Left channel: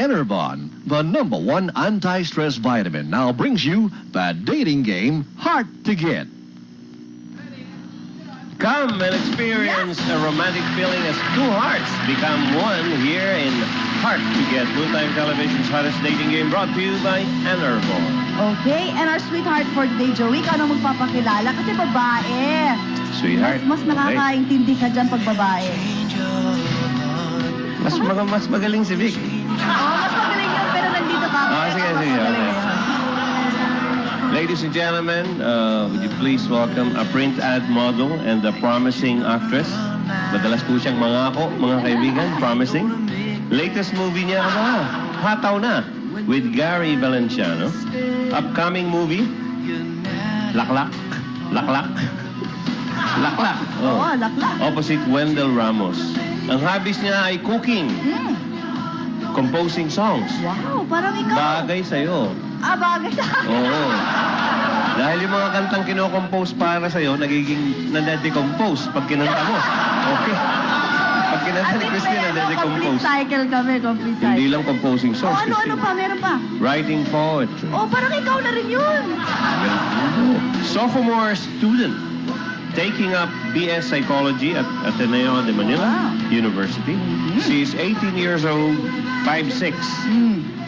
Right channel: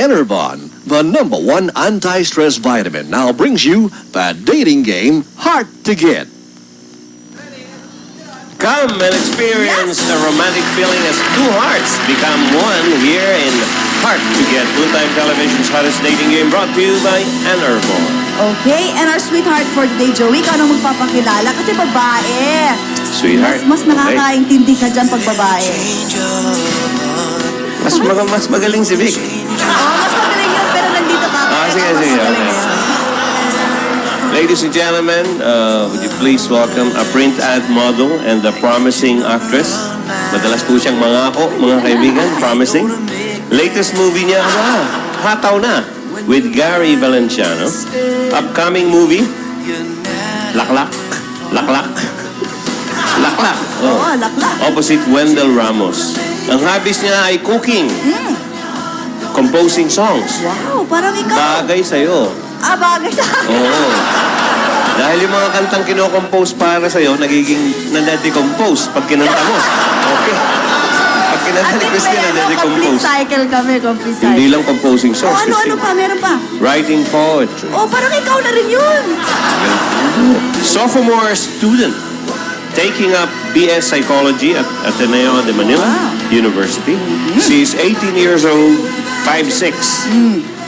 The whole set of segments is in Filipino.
Enervon, the #1 anti-stress vitamin, now brings you the dating game Hard to Get. Come and experience the romantic feeling as two hearts become one here in Hard to Get, Noontime Television's hottest dating game, brought to you by Enervon. Okay, and our sweetheart for today, Joey, ikaw nang magpapakilala kasi babae. Sweetheart. Mas nakakaintindi ka dyan pag babae. Mas magaling si Vic. Mas magaling yun, pero nandito ka. Sige. Okay. Ladies and gentlemen, would you please welcome a print ad model and a promising actress. Madalas po siyang mangako, mga kaibigan, promising. Latest movie niya, Hataw Na, with Gary Valenciano. Upcoming movie, Laklak. Oo, laklak. Opposite Wendell Ramos. Ang hobbies niya ay cooking, composing songs. Wow, parang ikaw. Bagay sa'yo. Bagay sa akin. Oo. Dahil yung mga kantang kinokompose para sa'yo, nagiging nade-decompose pag kinanta mo. Okay. Pag kinanta ni Christine, nade-decompose. Complete cycle kami, complete cycle. Hindi lang composing songs, Ano Christine. pa? Meron pa? Writing poetry. Parang ikaw na rin yun. Sophomore student taking up BS Psychology at Ateneo de Manila University. She's 18 years old, 5'6".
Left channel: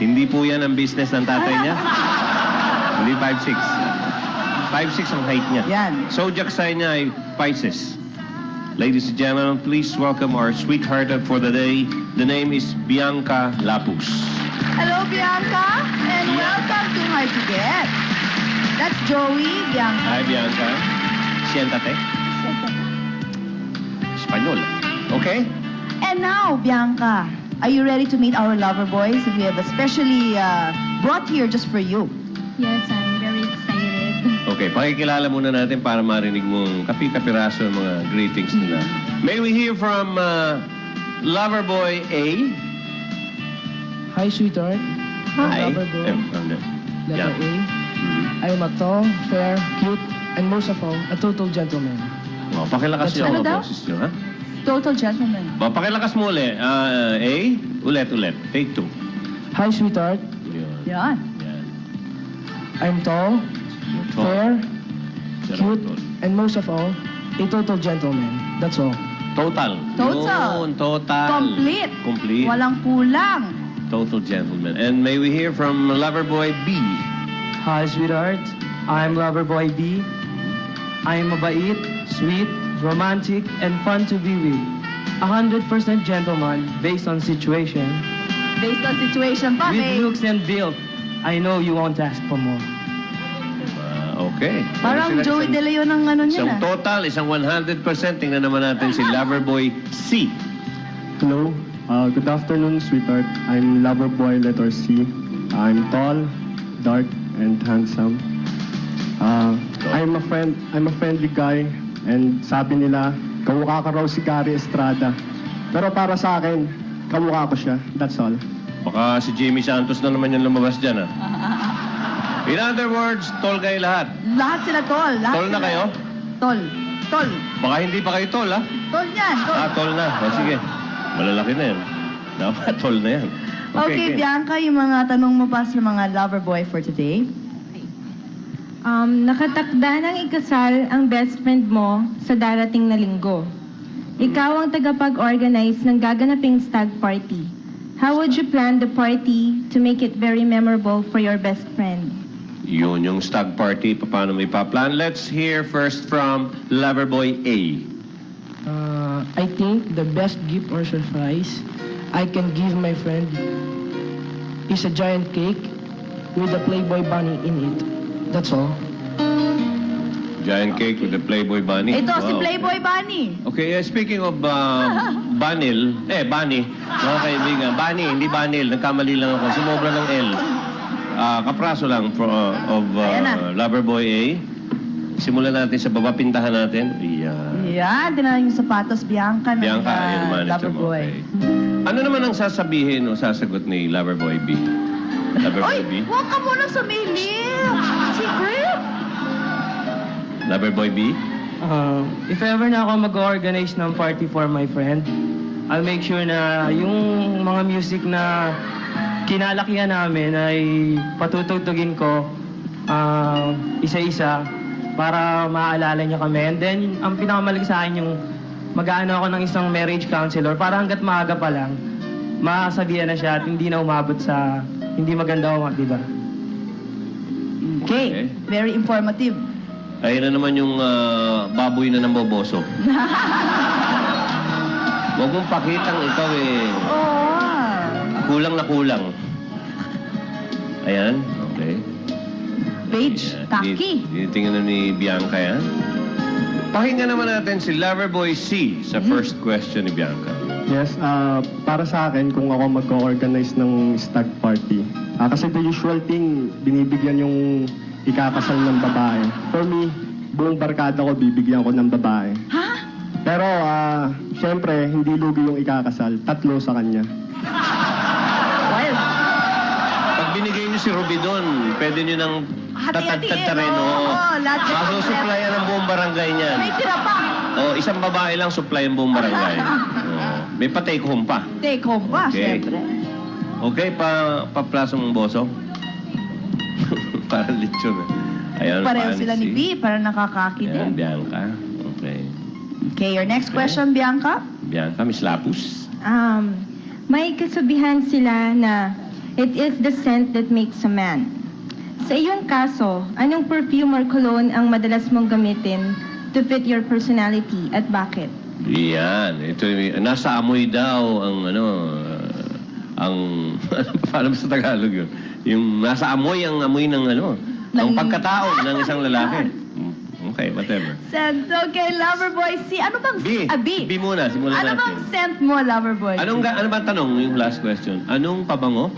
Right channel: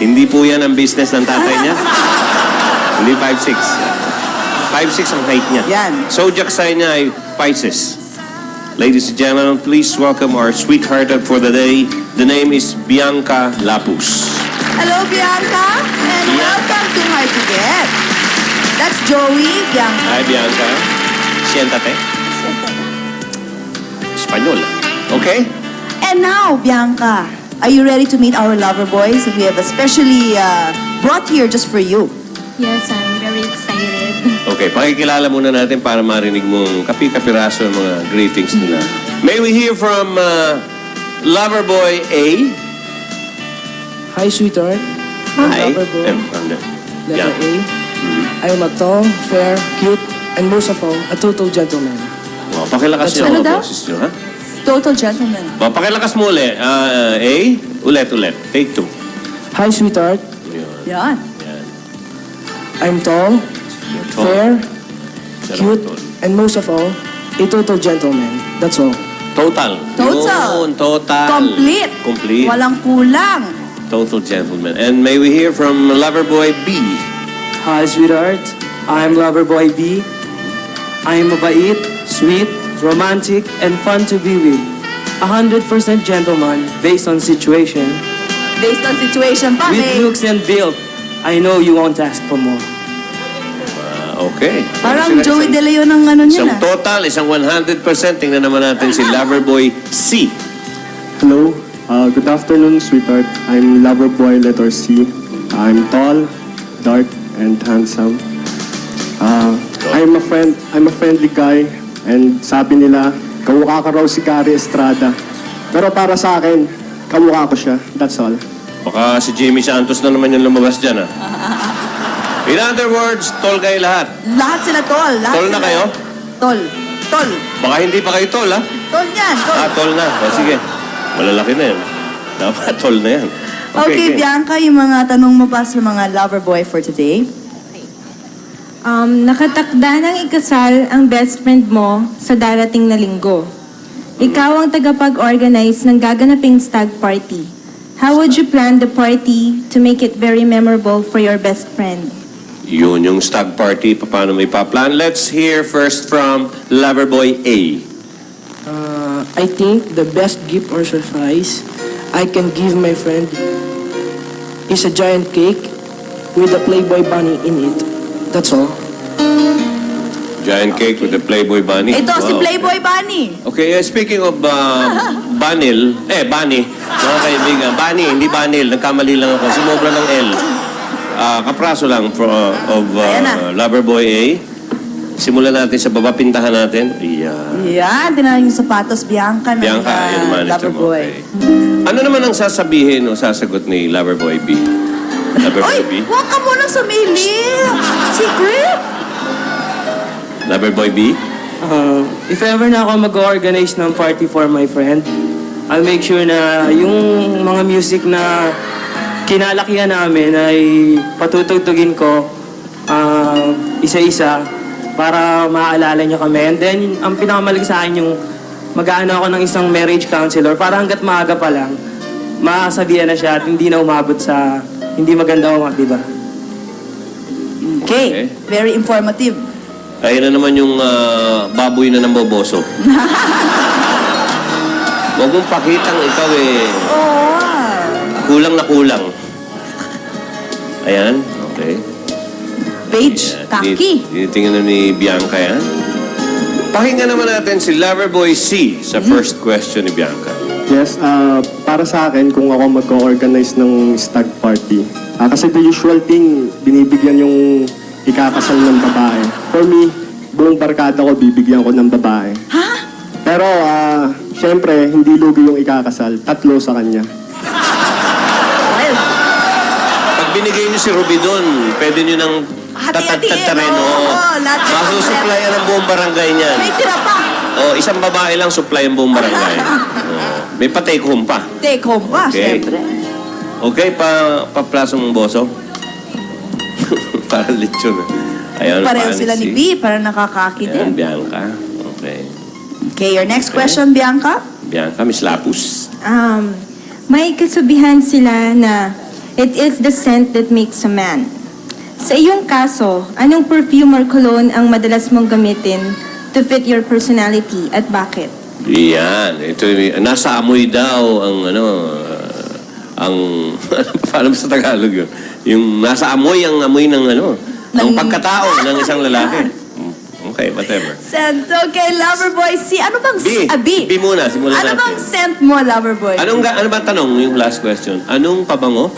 Hindi po yan ang business ng tatay niya. Hindi 5'6". 5'6" ang height niya. Yan. Zodiac sign niya ay Pisces. Ladies and gentlemen, please welcome our sweetheart for the day. The name is Bianca Lapus. Hello, Bianca. And welcome to Hard to Get. That's Joey, Bianca. Hi, Bianca. Siéntate. Espanyol. Okay? And now, Bianca, are you ready to meet our lover boys that we have especially brought here just for you? Yes, I'm very excited. Okay, pakikilala muna natin para marinig mong kapi-kapiraso ng mga greetings nila. May we hear from Loverboy A? Hi, sweetheart. Hi. Loverboy. Yeah. Letter A. I am a tall, fair, cute, and most of all, a total gentleman. Oh, pakilakas niyo Ano ang daw? boses niyo, ha? Total gentleman. Oh, pakilakas mo ulit. A, ulit. Take 2. Hi, sweetheart. Yan. Yan. I'm tall, Tall. fair, Sarap cute, tol. and most of all, a total gentleman. That's all. Total. Total. Yun, total. Complete. Walang kulang. Total gentleman. And may we hear from Loverboy B? Hi, sweetheart. I'm Loverboy B. I'm mabait, sweet, romantic, and fun to be with. 100% gentleman based on situation. Based on situation pa, With eh. looks and build, I know you won't ask for more. Okay. Parang Joey De Leon ang ano niya Isang na. total, isang 100%. Tingnan naman natin si Loverboy C. Hello, good afternoon, sweetheart. I'm Loverboy letter C. I'm tall, dark, and handsome. I'm a friendly guy, and sabi nila, kamukha ka raw si Gary Estrada. Pero para sa akin, kamukha ko siya. That's all. Baka si Jimmy Santos na naman yung lumabas dyan, ha? In other words, tol kayo lahat. Lahat sila tol. Lahat Tol na sila. kayo? Tol. Baka hindi pa kayo tol, ha? Tol yan, tol. Tol na. O, sige. Malalaki na yan. Dapat tol na yan. Okay, Bianca, yung mga tanong mo pa sa mga lover boy for today. Nakatakda ng ikasal ang best friend mo sa darating na linggo. Ikaw ang tagapag-organize ng gaganaping stag party. How would you plan the party to make it very memorable for your best friend? Yun yung stag party. Paano may pa-plan? Let's hear first from Loverboy A. I think the best gift or surprise I can give my friend is a giant cake with a Playboy bunny in it. That's all. Giant cake with the Playboy bunny. Ito, si Wow. Playboy Bunny. Okay, speaking of Bunny, mga kaibigan, Bunny, hindi Banil, nagkamali lang ako, sumobra ng L. Kapraso lang of Ayan na. Loverboy A. Simulan natin sa baba, pintahan natin. Yan, tinalang yung sapatos, Bianca, ng Bianca, yung manager lover mo. boy. Okay. Ano naman ang sasabihin o sasagot ni Loverboy B? Loverboy B? Oy, huwag ka munang sumili. Secret. Loverboy B? If ever na ako mag-organize ng party for my friend, I'll make sure na yung mga music na kinalakihan namin ay patutugtugin ko isa-isa para maaalala niyo kami. And then, ang pinakamalaki sa akin yung mag-aano ako ng isang marriage counselor para hanggat maaga pa lang, masabihan na siya at hindi na umabot sa hindi maganda umat, di ba? Okay. Very informative. Kaya na naman yung baboy na namboboso. Huwag mong pakitang ikaw Oh. kulang na kulang. Ayan, okay. Page, kaki. Tinitingnan na ni Bianca yan. Pakinggan naman natin si Loverboy C sa first question ni Bianca. Yes, para sa akin, kung ako mag-organize ng stag party, kasi the usual thing, binibigyan yung ikakasal ng babae. For me, buong barkada ko, bibigyan ko ng babae. Ha? Pero, syempre, hindi lugi yung ikakasal. 3 sa kanya. Well, Pag binigay niyo si Ruby doon, pwede niyo nang hati-hatiin. tatagtatarin. Oo, lahat. Masusuplayan ang buong barangay niyan. may tira pa. Isang babae lang supply ang buong barangay. May pa-take home pa. Take home pa, Okay. syempre. Okay, pa-plaso mong boso. Para lechon. Ayun, Pareho fancy. sila ni B, parang nakakaki Ayan, din. Bianca. Okay. Okay, your next question, Bianca. Bianca, Miss Lapus. May kasabihan sila na it is the scent that makes a man. Sa iyong kaso, anong perfume or cologne ang madalas mong gamitin to fit your personality at bakit? Yan. Ito, nasa amoy daw ang paano sa Tagalog yun? Yung nasa amoy, ang amoy ng ang pagkatao ng isang lalaki. Okay, whatever. Scent. Okay, Loverboy C. Ano bang... B. B. B muna, simulan Ano natin. bang scent mo, Loverboy? ano ba tanong, yung last question? Anong pabango?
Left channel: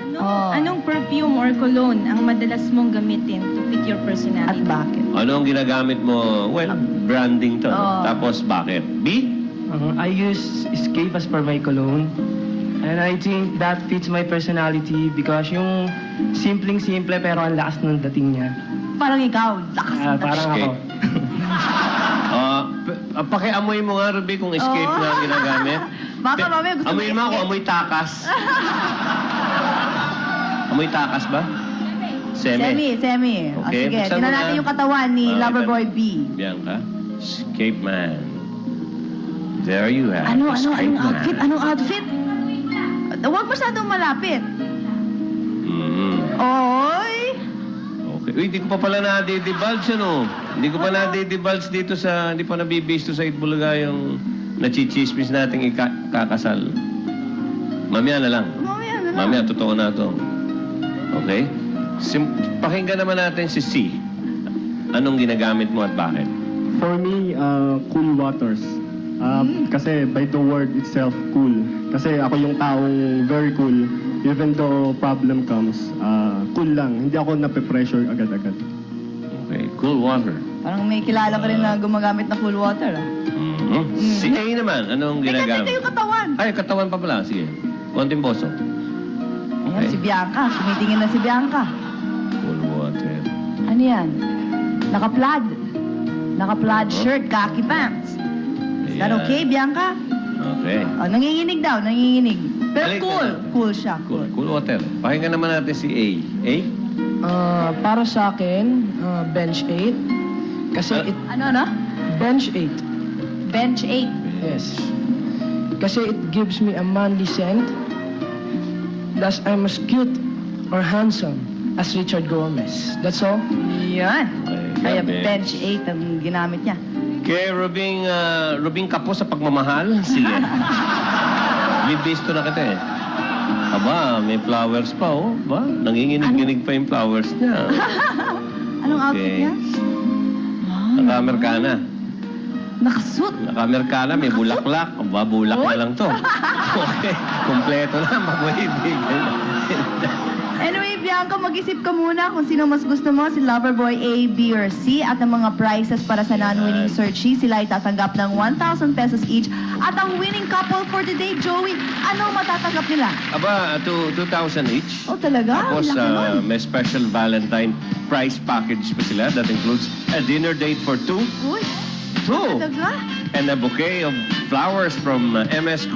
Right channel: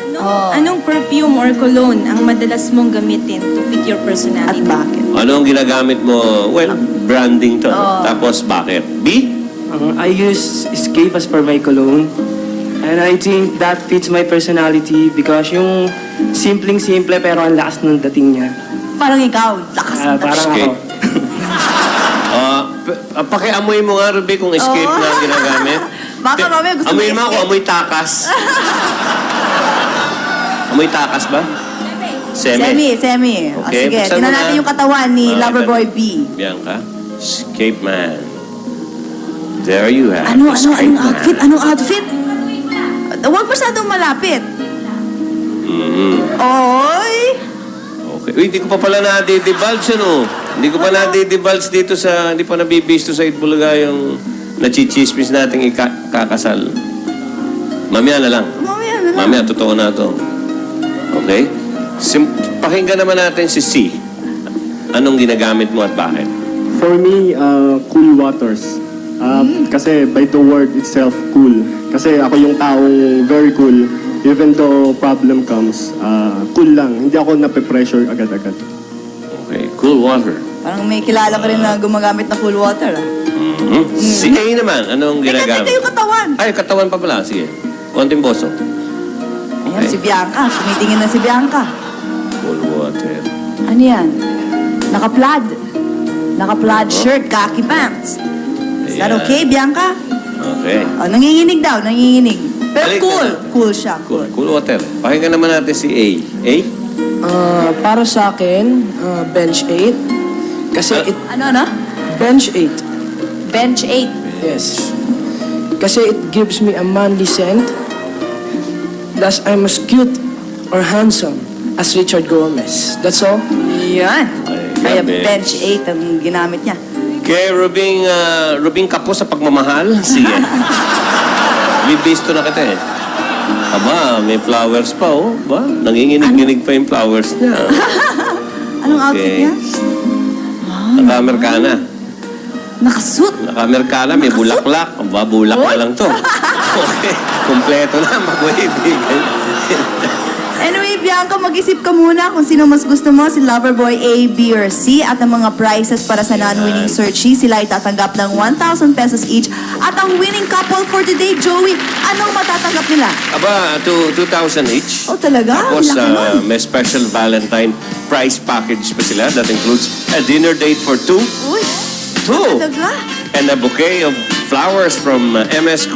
Anong perfume or cologne ang madalas mong gamitin to fit your At personality? bakit? Anong ginagamit mo? Well, branding to. Tapos bakit? B? I use Escape as per my cologne. And I think that fits my personality because yung simpleng-simple pero ang lakas ng dating niya. Parang ikaw. Lakas ng Parang Escape. ako. Pakiamoy mo nga, Ruby, kung escape Oo. na ang ginagamit. Baka mamaya gusto mo Amoy mo ako, escape. amoy takas. Amoy takas ba? Semi. Semi. O, Okay, sige, buksan tingnan mo natin na. yung katawan ni Loverboy B. Bianca. Escape man. There you have Anong Escape man. outfit? Anong outfit? Huwag masyadong malapit. Oy! Okay. Uy, hindi ko pa pala na-divulge Hindi ko pa na-divulge dito sa, hindi pa nabibisto sa Itbulaga yung nachichismis nating ikakasal. Mamaya na lang. Mamaya na lang. Mamaya, totoo na to. Okay? Pakinggan naman natin si C. Anong ginagamit mo at bakit? For me, cool waters. Kasi by the word itself, cool. Kasi ako yung taong very cool. Even though problem comes, cool lang. Hindi ako nape-pressure agad-agad. Okay. Cool water. Parang may kilala ka rin na gumagamit na cool water. Si A naman, anong Ito ginagamit? yung katawan. Ay, katawan pa pala. Sige. Konting boso. Ayan, si Bianca. Tumitingin na si Bianca. Cool water. Ano yan? Naka-plaid. Naka-plaid shirt, khaki pants. Is that Ayan. okay, Bianca? Okay. Oh, nanginginig daw, nanginginig. Pero Balik cool. na. Cool siya. Cool. Cool water. Pakinggan naman natin si A. A? Para sa akin, bench 8. Kasi Ano? bench 8. Bench 8. Yes. Kasi it gives me a manly scent. Plus, I'm as cute or handsome as Richard Gomez. That's all. Yan. Ay, Kaya grabe. bench 8 ang ginamit niya. Kay Rubing Kapo sa pagmamahal, sige. Bibisto na kita eh. Aba, may flowers pa oh. Ba? Nanginginig-ginig pa yung flowers niya. Anong outfit niya? Naka-Amerikana. Nakasuit. Naka-Amerikana, may bulaklak. Aba, bulak na lang to. Okay, kompleto na, magwaibigan. Anyway, Bianca, mag-isip ka muna kung sino mas gusto mo, si Loverboy A, B, or C. At ang mga prizes para sa non-winning searchee, sila ay tatanggap ng 1,000 pesos each. At ang winning couple for today, Joey, anong matatanggap nila? Aba, 2,000 each. Oh, talaga? Tapos Laki nun. may special Valentine prize package pa sila. That includes a dinner date for two. Uy, Two! talaga? And a bouquet of flowers from MS